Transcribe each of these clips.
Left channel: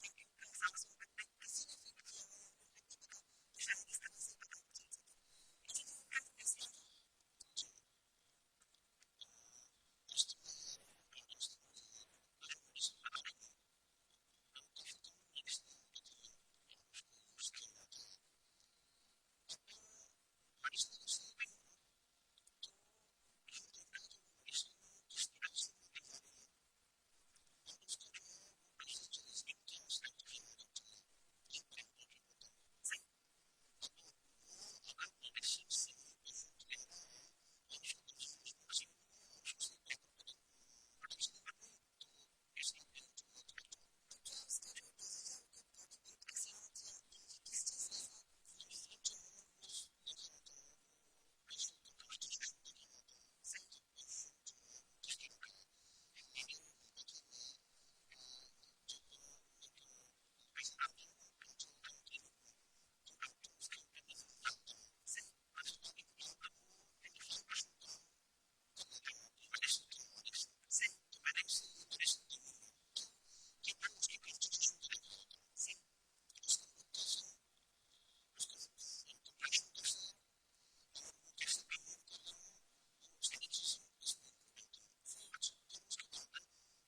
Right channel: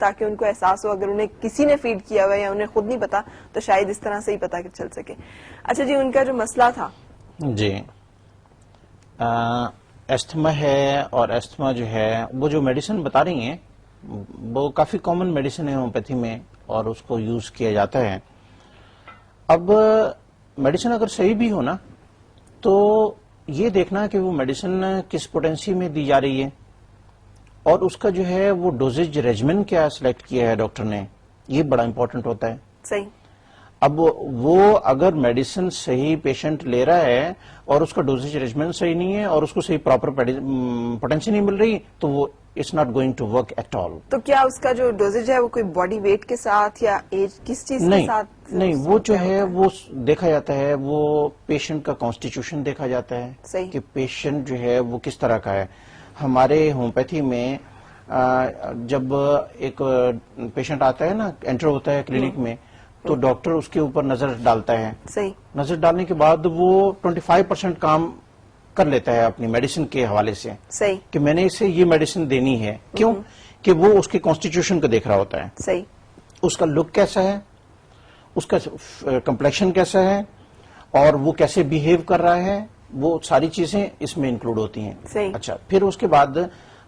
تاکہ ان کو احساس ہو, اگر انہیں کسی نے فیڈ کیا ہوا یا انہیں خود نہیں پتا تو شاید اس طرح سے ہی پتا چل سکے. اچھا جی, ان کا جو مسئلہ تھا جی استھما ہے, اور استھما جو ہے وہ جو میڈیسن بتا رہی ہیں وہ کافی کامن میڈیسن ہے ہومیوپیتھی میں, اور اس کو یوز کیا جاتا ہے. اب میڈیسن اگر صحیح بھی ہو نا تو یہ دیکھنا کہ وہ میڈیسن کس پوٹینسی میں دی جا رہی ہے, اور اس کا جو ہے وہ ڈوزیج ریجمن کیا سلیکٹ کیا ہے ڈاکٹر نے, یہ بڑا امپورٹنٹ ہوتا ہے. صحیح. اب وہ اگر میڈیسن صحیح پیشنٹ لے رہا ہے اور اس کا ڈوزیج ریجمنٹ صحیح نہیں ہے اور اس کو صحیح پراپر پوٹینسی نہیں مل رہی تو وہ it's not going to work at all. تو کیا اس کا جو ڈوزیج ہے وہ کوئی باڈی ویٹ کے ساتھ یا ایج کس چیز کے ساتھ؟ نہیں, وہ جو ہے وہ دیکھا جاتا ہے, وہ پیشنٹ کا کانسٹیٹیوشن دیکھا جاتا ہے کہ پیشنٹ جو ہے وہ کس طرح کا ہے. ہمارے ہومیوپیتھی میں جب ایک پیشنٹ آتا ہے نا, انٹر ہوتا ہے کلینک میں, تو ڈاکٹر اس کے اوپر نظر ڈالتا ہے. صحیح. نظر ڈالنے کے بعد وہ 25% کام کر لیتا ہے اپنی میڈیسن کے حوالے سے. صحیح. کہ میں نے اسے یہ میڈیسن دینی ہے. کیوں؟ کہ وہ اس کے کانسٹیٹیوشن کو دیکھ رہا ہوتا ہے. صحیح. اس کا لک کیسا ہے, اس کا کمپلیکشن کیسا ہے, اور وہ کیسے بیہیو کر رہا ہے, وہ ساری چیزیں اس میں انکلوڈ ہوتی ہیں. صحیح. اچھا, پھر اس کے بعد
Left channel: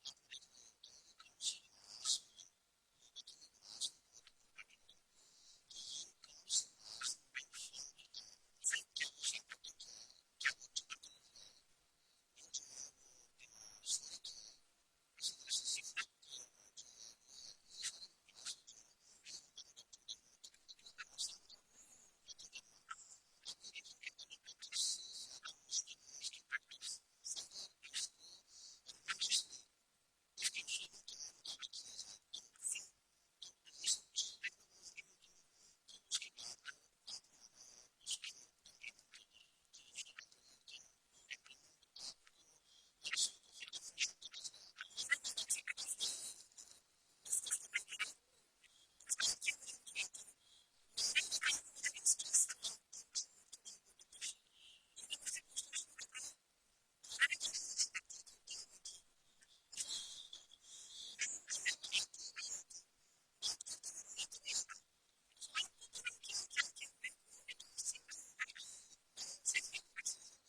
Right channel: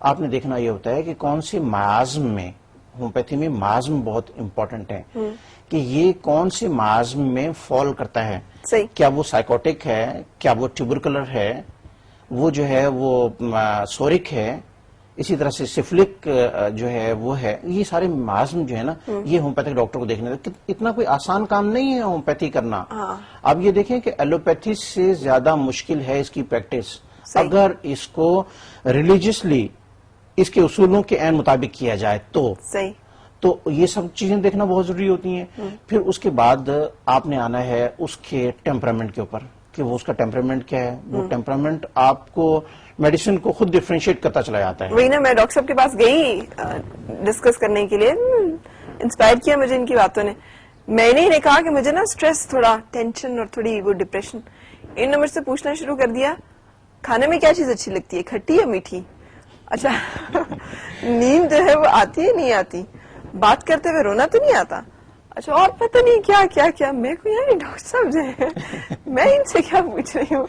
آپ نے دیکھنا یہ ہوتا ہے کہ کون سے معازم میں, ہومیوپیتھی میں معازم بہت امپورٹنٹ ہے کہ یہ کون سے معازم میں فال کرتا ہے. صحیح. کیا وہ سائیکوٹک ہے, کیا وہ ٹیوبرکلر ہے, وہ جو ہے وہ سورک ہے, اسی طرح سے سفلک جو ہے وہ ہے. یہ سارے معازم جو ہے نا یہ ہومیوپیتھک ڈاکٹر کو دیکھنے اتنا کوئی آسان کام نہیں ہے ہومیوپیتھی کرنا. اب یہ دیکھیں کہ ایلوپیتھی سے زیادہ مشکل ہے اس کی پریکٹس. اگر اس کو ریلیجیسلی اس کے اصولوں کے عین مطابق کیا جائے تو یہ سب چیزیں دیکھنا بہت ضروری ہوتی ہیں. پھر اس کے بعد آپ نے آنا ہے اس کے ٹیمپرامنٹ کے اوپر کہ وہ اس کا ٹیمپرامنٹ کیا ہے. وہ ٹیمپرامنٹ آپ کو میڈیسن کو خود ڈفرینشیٹ کرتا چلا جاتا ہے. وہی نا, میں ڈاکٹر صاحب کے پاس گئی ڈسکس کرنے کے لیے, انسپائر کیا مجھے ان کی باتوں نے. میں نے کہا کہ مجھے نا سٹریس, تھوڑا ٹینشن اور تھوڑی وہ ڈپریشن. ان نے مجھ سے پوچھنا شروع کر دیا کھانے میں کیا چیز اچھی لگتی ہے, کھٹی یا میٹھی. اچھا نیند جو ہے وہ آتی ہے نہیں آتی, بات کرتے ہوئے رونا تو نہیں آتا. اچھا اور پتہ نہیں کیا کیا کیا. میں کو یار ڈاکٹر صاحب جو ہے میں ان سے کیا پوچھ رہی ہوں,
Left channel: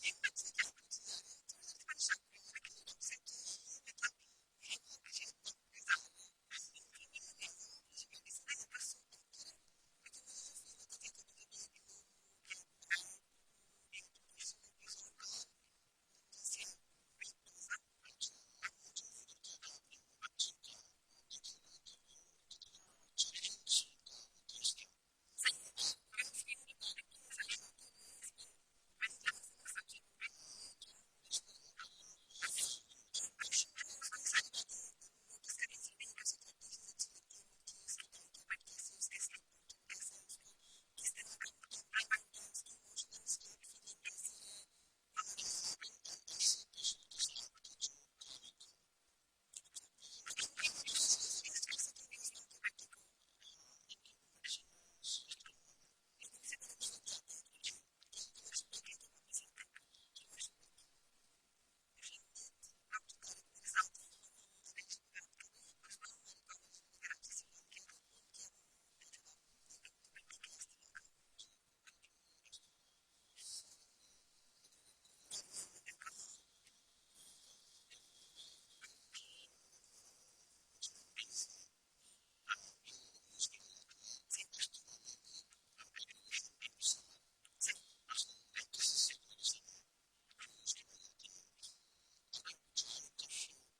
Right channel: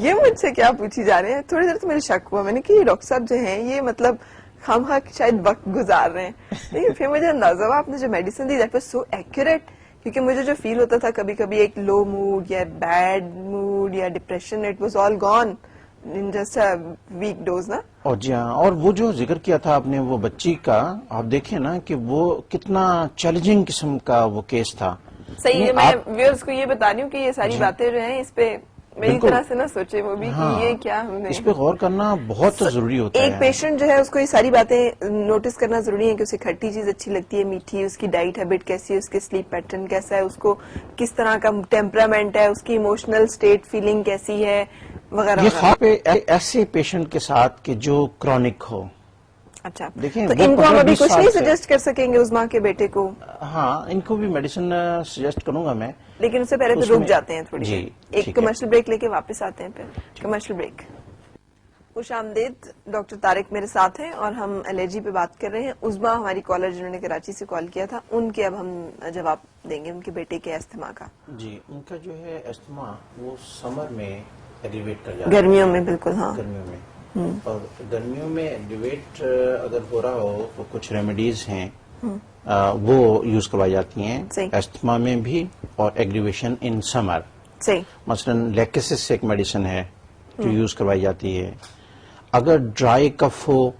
یہ مجھ سے کیا پوچھی جا رہے ہیں. تھوڑی دیر تو مجھے شک ہوا, میں نے کہ یہ ڈاکٹر صاحب جو ہیں یہ مطلب خواہ شاید وقت گزار رہے ہیں. لیکن پھر مجھے اندازہ ہوا آپ نے جو میڈیسن دی دیٹ واز سو ایکوریٹ, کیونکہ مجھے جو فیل ہوتا تھا کبھی کبھی ایک لو موڈ یا بیڈ موڈ یا depression, it was all gone in just a week dose نا. اور جی ہاں, اور وہ جو ذکر کیا تھا آپ نے وہ بچی کا, آپ دیکھیں نا کہ وہ کتنا چیلنجنگ قسم کا وہ کیس تھا. صحیح ہے, میں ویورز کو یہ بتا رہی ہوں کہ یہ ساری باتیں جو ہیں اس پہ میری طرح سے نہ سوچے وہ بھی کہ یہ کیا ہم نے, اس پہ غور کرنا بہت ضروری ہوتا ہے. ایک پیشنٹ جو ہے اس کو یہ ساری باتیں نوٹس کرنا ضروری ہے کہ اسے کھٹی چیز اچھی لگتی ہے, میٹھی, اس کی ڈائٹ ہیبٹ کیسی ہے, اس کے سلیپ پیٹرن کیسا ہے, اس کو کس طرح کا ٹیمپرامنٹ ہے, اس کی ایموشنل سٹیٹ فیلنگ کیسی ہے وغیرہ. یہ خاص پہ ایسے پیشنٹ کے ساتھ کہ جو کرونک ہو. اچھا, دیکھیں تو ان کو ہم ابھی کچھ نہیں سجیسٹ کر سکیں گے عظما کے بیٹے کو؟ ہاں, ان کو بھی میڈیسن سجیسٹ کروں گا میں, لیکن اس سے پہلے پھر رک جاتے ہیں تھوڑی جی, ایک کمرشل بریک لے کے واپس آتے ہیں. پھر کمرشل بریک. خوش آمدید, ڈاکٹر طارق میرے ساتھ ہیں اور ہم الرجی پہ بات کر رہے ہیں. عظما ہماری کالر جنہوں نے کراچی سے کال کیا تھا, ان کے اب ہم جواب دیں گے ان کے بیٹے کے استھما کا. جی, ان کا جو ہے استھما وہ سمر میں ایگریویٹ کر جاتا ہے. گرمیوں میں بالکل, ہاں گرمیوں میں, اور گرمیوں میں ایگریویٹ اگر ہو رہا ہو تو کچھ ریمیڈیز ہیں وہ یوز کروائی جاتی ہیں استھما میں بھی, اور ایگریویشن ان سمر. مثلا لیکسس ایک میڈیسن ہے جو یوز کروائی جاتی ہے. اگر ڈرائی کف ہو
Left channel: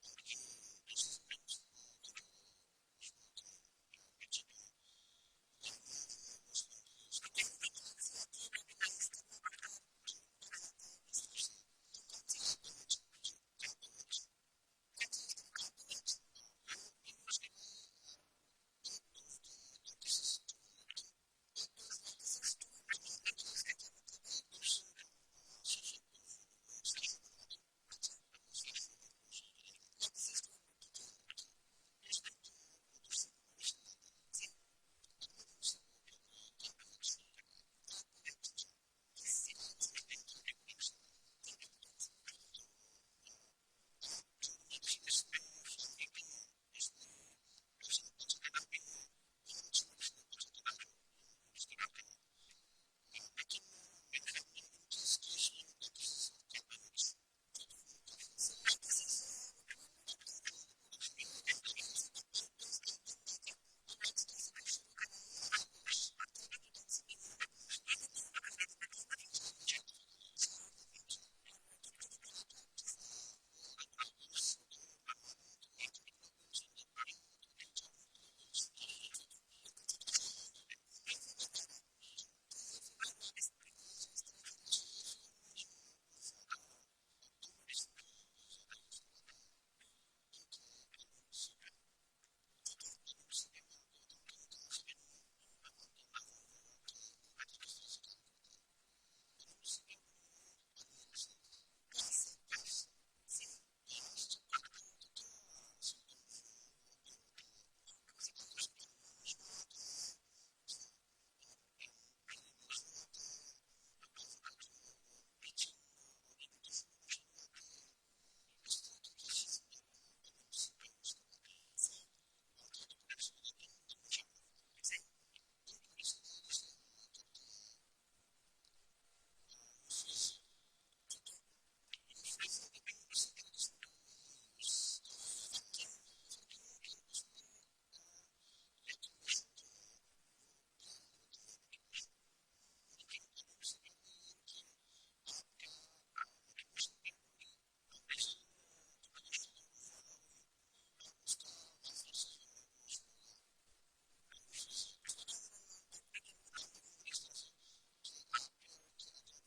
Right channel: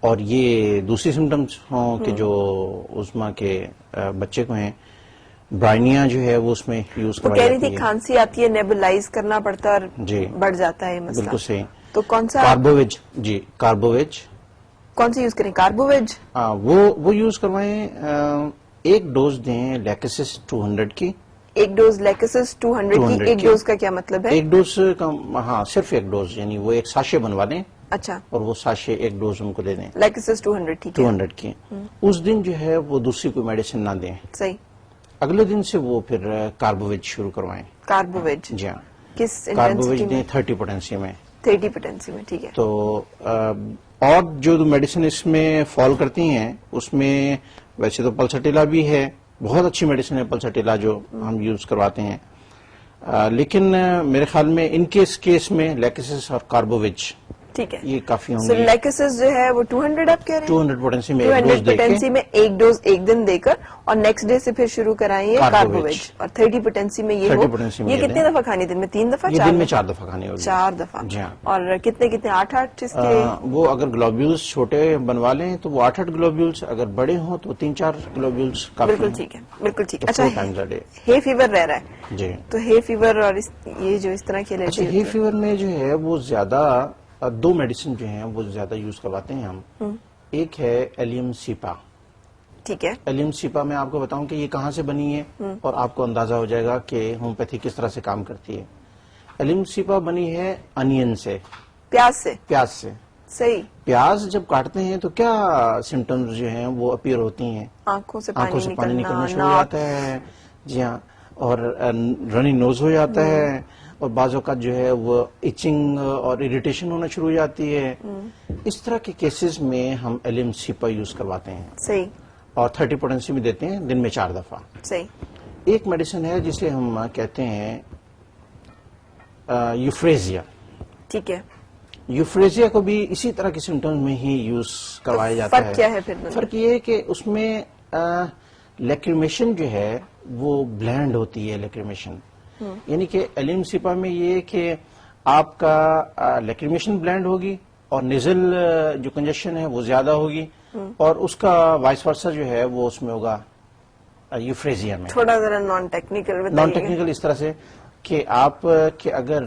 اور یہ دوسری سمٹمز ہوں کہ جو عظما کے بچے کو ہیں, برائنیا جو ہے وہ اس میں یوز کروائی جاتی ہے. کہہ رہی تھی کھانسی آتی ہے, نیبولائز کرنا پڑتا ہے اور جی بڑھ جاتا ہے مسئلہ. بالکل صحیح. تو کون سا کاربوویج, جی کاربوویج کون سی یوز کریں؟ کاربوویج وہ یوز کروائیں. ایک ڈوز دیں لیکسس 200 کی. ایک ڈوز لیکسس 200 کی. ایک ڈوز کا کیا مطلب ہے؟ ایک ڈوز کا, ہاں صرف ایک ڈوز, یعنی وہ ایک ساشے بنوا دیں. اچھا, اور وہ ساشے ایک ڈوز ان کو دے دیں لیکسس 200 کی. اس دن جو ہے وہ دوسری کوئی میڈیسن نہ دیں. صحیح. اگلے دن سے وہ پھر کاربوویج شروع کروائیں. کاربوویج, جی ہاں, کس کاربوویج دیں 30 پوٹینسی میں. 30 پوٹینسی میں, ٹھیک ہے. تو اور جو میڈیسن اس میں فال کرتی ہیں اس میں ویسے تو پلسٹیلا بھی ہے، بہت اچھی میڈیسن ہے پلسٹیلا جو ہم یوز کرواتے ہیں، لیکن میرے خیال میں ان کیس میں لیکسس اور کاربوویج ٹھیک ہے. یہ کافی ہوں سو گے. لیکسس جو ہے وہ 200 آپ کہہ رہے ہیں؟ 200 پوٹینسی میں ایک 200 ڈوز دے کے پوٹینسی میں ایک ڈوز ایک دن دے کر اور نیکسٹ ڈے سے پھر شروع کرائیے کاربوویج، اور 30 پوٹینسی میں یہ 30 ہو. پوٹینسی میں یہ یہ کتنے دیں. دفعہ کھانی دن میں؟ 3 دفعہ؟ یہ 4 دن میں دفعہ؟ 4 دفعہ کھانی ہوگی. 4 دفعہ. جی ہاں. اور کتنے 8 اس کے؟ وہ اگر گلوبیولز چھوٹے بنوا لیں تو وہ 8 گلوبیولز، اگر بڑے ہوں تو 3-4 گلوبیولز کافی بالکل ہیں. ٹھیک ہے، بالکل ٹھیک ہے. 4 times a day. ہے فیور رہ رہا ہے جی. تو ہے فیور اور یہ جو اس طرح کی اچھا، الرجی ہے فیور میں جو ہے وہ زیادہ 2 میڈیسن جو ہیں وہ زیادہ یوز کرواتے ہیں ہم. ایک ہے ایلیم سیپا. ٹھیک ہے. ایلیم سیپا میں آپ کو بتاؤں کہ یہ کہاں سے بنی ہے اور آپ کو اندازہ ہو جائے گا کہ ہومیوپیتھی کس طرح سے کام کرتی ہے. ایلیم سیپا بنی ہے انین سے، پیاز سے. پیاز سے. صحیح. پیاز جب کاٹتے ہیں تو کیا سمٹمز جو ہیں وہ اپیئر ہوتی ہیں؟ آنکھوں سے پانی نکلنا شروع ہو ناک. جاتا ہے. جی ہاں. اور رنی نوز ہو جاتا ہے، اور بعض اوقات جو ہے وہ ایچنگ اور اریٹیشن ہونا شروع ہو جاتی ہے. اس طرح کے کیسز میں ہم ایلیم سیپا یوز کرواتے ہیں. صحیح. اور 30 پوٹینسی میں دیتے ہیں دن میں 4 دفعہ. صحیح. ایک میڈیسن ہے جسے ہم کہتے ہیں یوفریزیا. ٹھیک ہے. یوفریزیا کو بھی اسی طرح کے سمٹمز میں ہی یوز کروایا جاتا ہے. فرق کیا ہے پھر؟ فرق یہ ہے کہ اس میں لیکریمیشن جو ہے وہ بلینڈ ہوتی ہے. لیکریمیشن یعنی کہ ایلیم سیپا میں یہ ہے کہ آپ کا لیکریمیشن بلینڈ ہوگی اور نیزل جو کنجیشن ہے وہ زیادہ ہوگی، اور اس کا وائس ورسا جو ہے وہ اس میں ہوگا یوفریزیا میں. تھوڑا ذرا نان ٹیکنیکل نان ٹیکنیکل اس طرح سے کہ آپ کہ اگر